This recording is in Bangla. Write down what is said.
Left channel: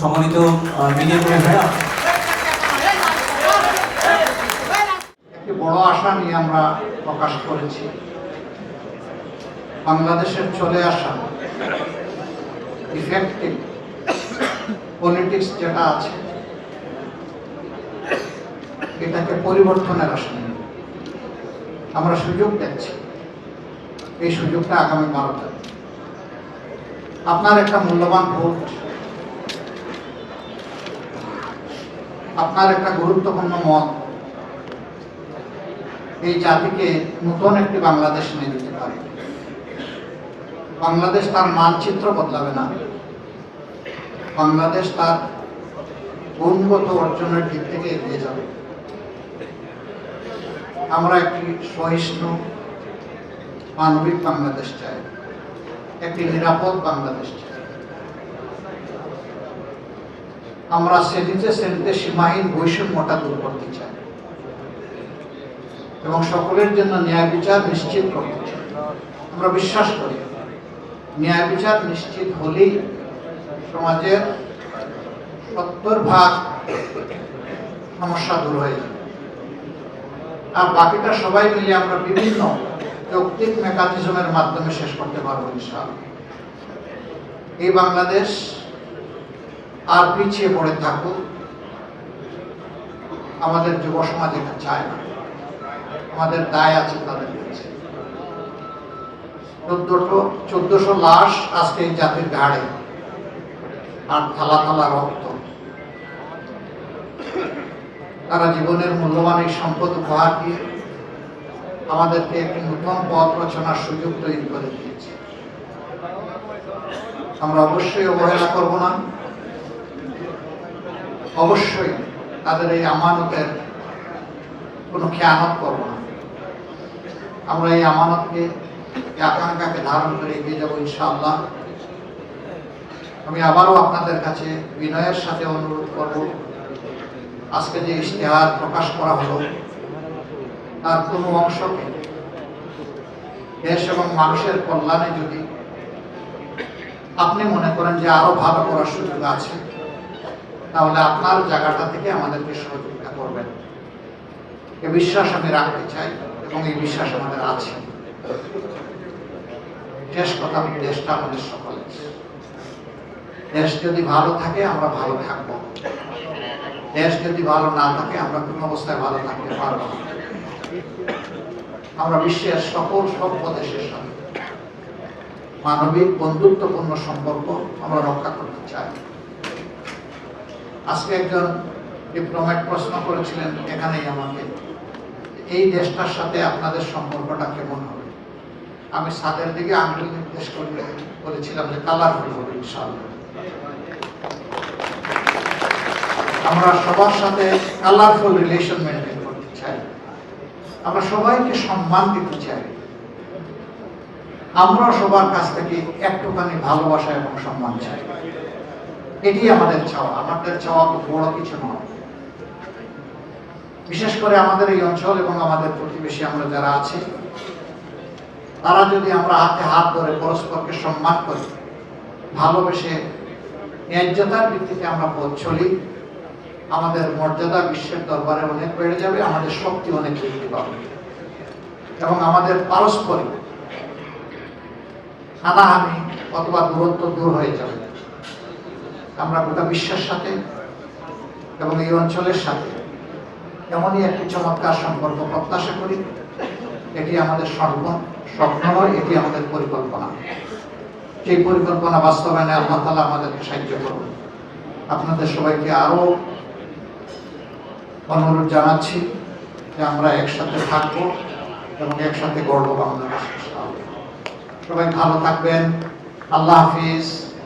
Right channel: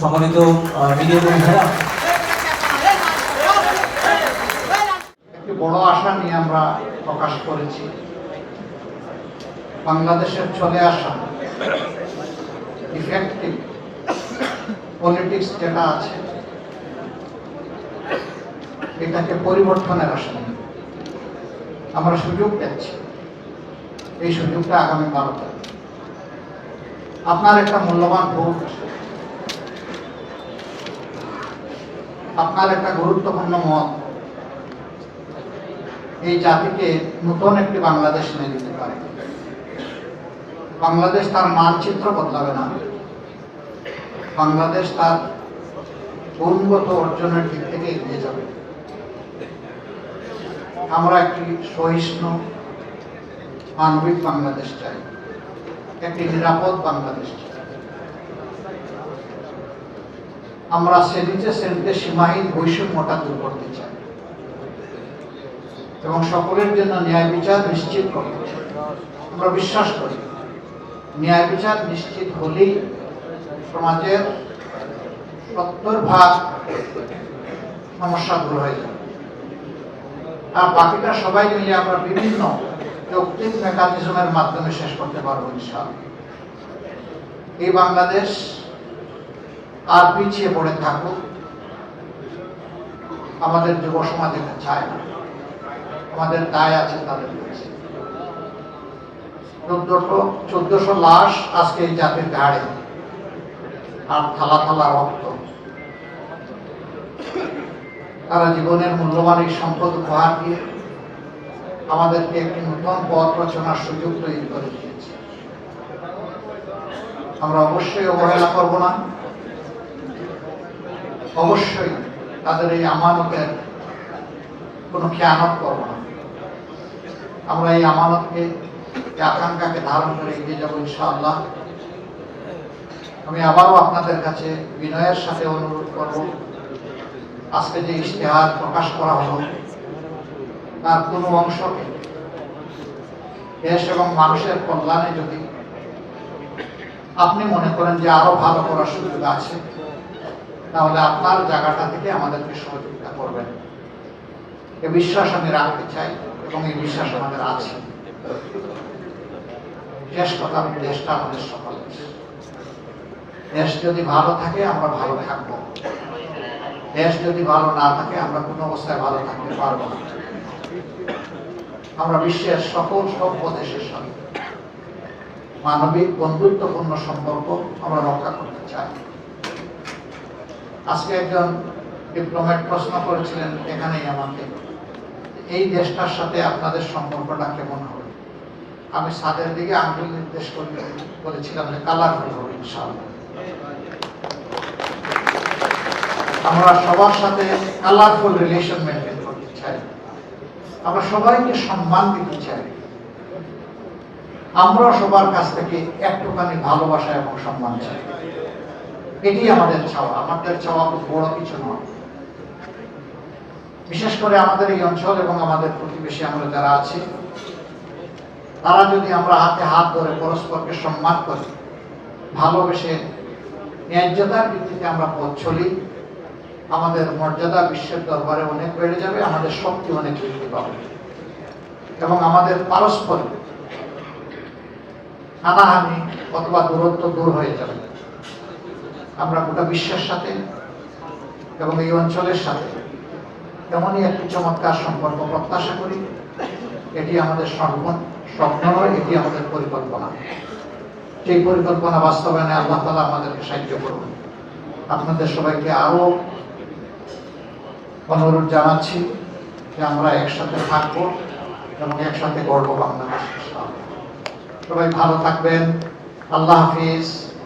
সম্মানিত মিডিয়া কর্মীরা। একটি বড় আশা নিয়ে আমরা প্রকাশ করেছি। বাংলাদেশের চলে আসা ইফেক্টিভ পলিটিক্স যেটা আছে, এটাকে পরিবর্তনের নিয়ে আমরা সুযোগ দেখছি এই সুযোগটা আগামী ভারতে আপনার একটা মূল্যবান ভোট আপনার একটা গুরুত্বপূর্ণ মত। এই জাতিকে নতুন একটি বাংলাদেশ এনে দিতে পারে। বাংলাদেশ তার মানচিত্র বদলাবে না। বাংলাদেশ তার গুণগত অর্জনের দিক থেকে এগিয়ে যাবে। আমরা একটি সহিষ্ণু, মানবিক বাংলাদেশ চাই। একটি নিরাপদ বাংলাদেশ চাই। আমরা শ্রেণীতে শ্রেণীতে সীমাহীন বৈষম্যটা দূর করতে চাই। এবং সকলের জন্য ন্যায় বিচার নিশ্চিত করতে আমরা বিশ্বাস করি, ন্যায় বিচার নিশ্চিত হলেই সমাজের সত্তর ভাগ সমস্যা দূর হয়ে যাবে। আর বাকিটা সবাই মিলে আমরা বিভিন্ন যৌক্তিক মেকানিজমের মাধ্যমে শেষ করতে পারব ইনশাআল্লাহ। এই বাংলাদেশ আর পিছিয়ে পড়ে থাকুক আমাদের যুব সমাজ এটা চায় না আমাদের দায় আছে তাদের কাছে। চোদ্দশো লাশ আজকে এই জাতির ঘাড়ে, আর থালা থালা রক্ত। তারা জীবনের মূল্যবান এই সম্পদ উপহার দিয়ে আমাদেরকে একটি নতুন পথ রচনার সুযোগ তৈরি করে দিয়েছে। আমরা অবশ্যই অবহেলা করব না। অবশ্যই তাদের এই আমানতের কোনো খেয়ানত করব না। আমরা এই আমানতকে আকাঙ্ক্ষাকে ধারণ করে এগিয়ে যাব ইনশাআল্লাহ। আমি আবারও আপনাদের কাছে বিনয়ের সাথে অনুরোধ করব, আজকে যে ইশতেহার প্রকাশ করা হলো, তার কোনো অংশকে দেশ এবং মানুষের কল্যাণে যদি আপনি মনে করেন যে আরও ভালো করার সুযোগ আছে তাহলে আপনার জায়গাটা থেকে আমাদেরকে সহযোগিতা করবেন। এ বিশ্বাস আমি রাখতে চাই এবং এই বিশ্বাস আমাদের আছে। শেষ কথা আমি দেশটা আমাদের সকলের দেশ যদি ভালো থাকে, আমরা ভালো থাকব। দেশ যদি ভালো না থাকে, আমরা কোনো অবস্থায় ভালো থাকতে পারব না। আমরা বিশ্বের সকল সভ্য দেশের সাথে মানবিক বন্ধুত্বপূর্ণ সম্পর্ক আমরা রক্ষা করতে চাই। আজকে একজন ডিপ্লোম্যাট প্রশ্ন করেছিলেন এখানেই আমাকে, এই দেশটার সাথে আপনাদের সম্পর্কটা কেমন হবে? আমি সাদের দিকে আঙ্গুল নির্দেশ করে বলেছিলাম যে কালারফুল হবে আমরা সবার সাথে কালারফুল রিলেশন মেনটেন করতে চাই। আমরা সবাইকে সম্মান দিতে চাই। আমরা সবার কাছ থেকে একটুখানি ভালোবাসা এবং সম্মান চাই। এটি আমাদের চাওয়া আমাদের চাওয়া খুব বড় কিছু নয়। বিশেষ করে আমাদের এই অঞ্চল এবং আমাদের প্রতিবেশী আমরা যারা আছি, তারা যদি আমরা হাতে হাত ধরে পরস্পরকে সম্মান করি, ভালোবেসে ন্যায্যতার ভিত্তিতে আমরা পথ চলি, আমাদের মর্যাদা বিশ্বের দরবারে অনেক বেড়ে যাবে, আমাদের শক্তি অনেক বৃদ্ধি পাবে। এবং আমাদের পারস্পরিক হানাহানি অথবা দূরত্ব দূর হয়ে যাবে। আমরা গোটা বিশ্বের সাথে এবং এই অঞ্চলের সাথে এমনই একটি চমৎকার সম্পর্ক প্রত্যাশা করি। এটি আমাদের স্বপ্ন স্বপ্ন নয়, এটি আমাদের পরিকল্পনা। সেই পরিকল্পনা বাস্তবায়নে আল্লাহ তালা আমাদেরকে সাহায্য করুন। আপনাদের সবাইকে আরও অনুরোধ জানাচ্ছি যে আমরা একসাথে থাকব এবং একসাথে গর্ব বাংলাদেশ সবাই ভালো থাকবেন। আল্লাহ হাফিজ।